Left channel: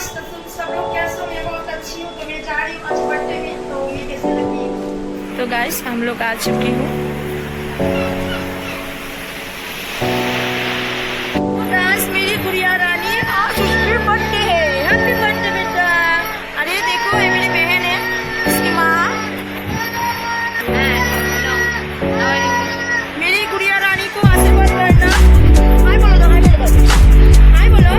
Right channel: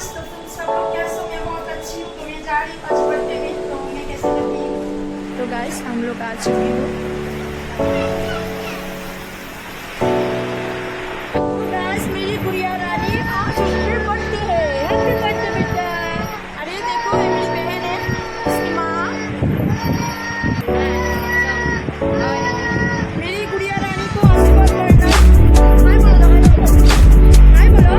मस्त। तुम सब लोग कैसे हो? मैं बहुत अच्छी हूँ। तो मैं जा रही हूँ आज बर्थडे में, तो मैं कैसे लग रही हूँ? तो गाइस हम लोग आ चुकी हूँ। गाइस मेरी गुड़िया रानी आज उसकी बर्थडे है। हैप्पी बर्थडे बेटा। अरे देखो ये मेरी बहन है, इसकी माँ। मेरी गुड़िया रानी को आशीर्वाद करना। हाय बोलो तो, हाय बोलो, हाय बोलो।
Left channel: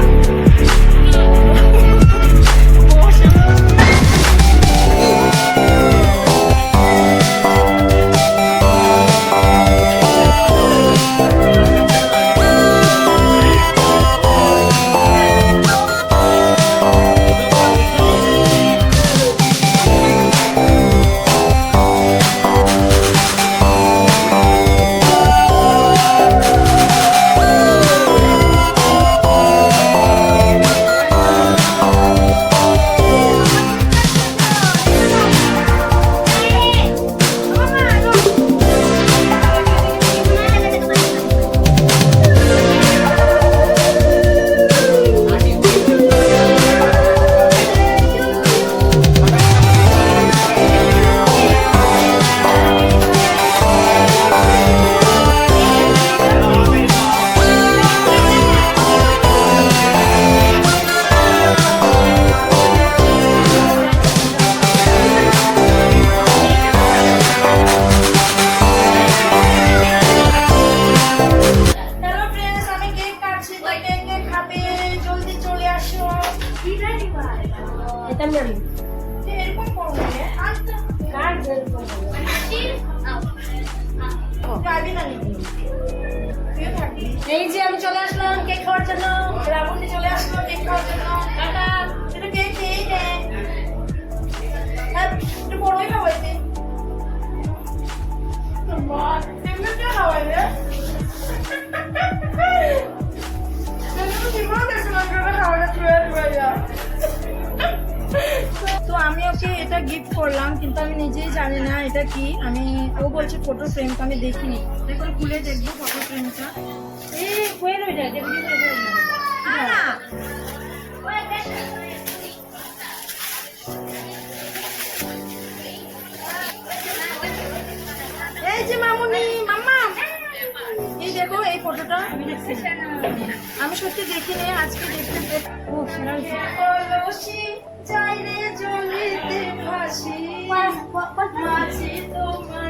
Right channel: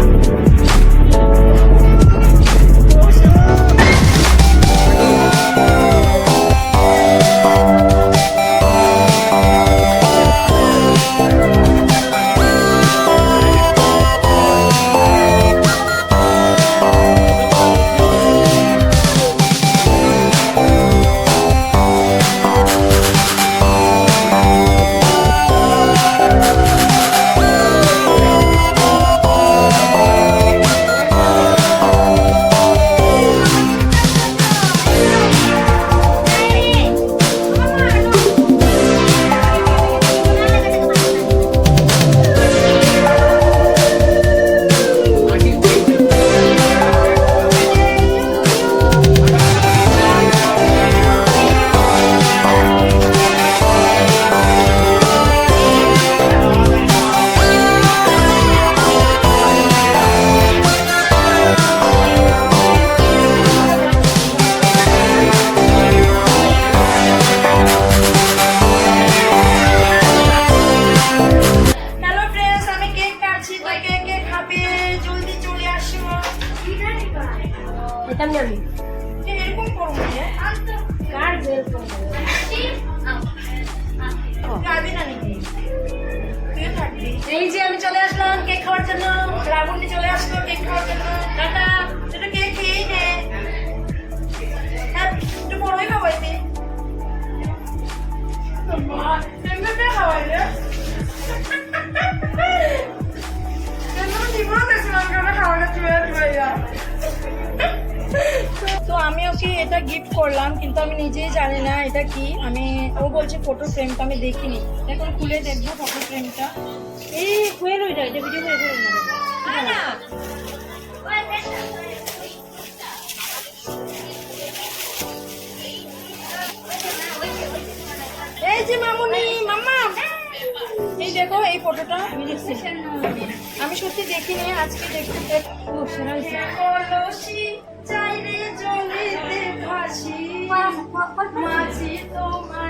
এই যে আমি চলে আসলাম কেক খাওয়ার জন্য। রাবণী চলে আসলো কেক খাওয়ার জন্য। টাটা। একটু কেক খেয়েই নে। একটু বড়ই খাওয়াইতে। মা এমনিতে খাওয়াইবে। তো আমি ওকে এটা গিফট করলাম, কিন্তু আমি নিজেই জানি না এটা কি। ও বলছে ফটো ফ্রেম, তো আমি দেখিনি। এখন খুলে দেখবো ফটো ফ্রেমটা। এই কোয়েল ওইটা, এটা ভিডিও করে না। এই যে মামুনি, মাম্মা এই দেখো এই ফটোটা। আমি সত্যি দেখিনি, আজকে দেখতে। ও চাইরে জলিতে ফাঁসি মাছি তোমার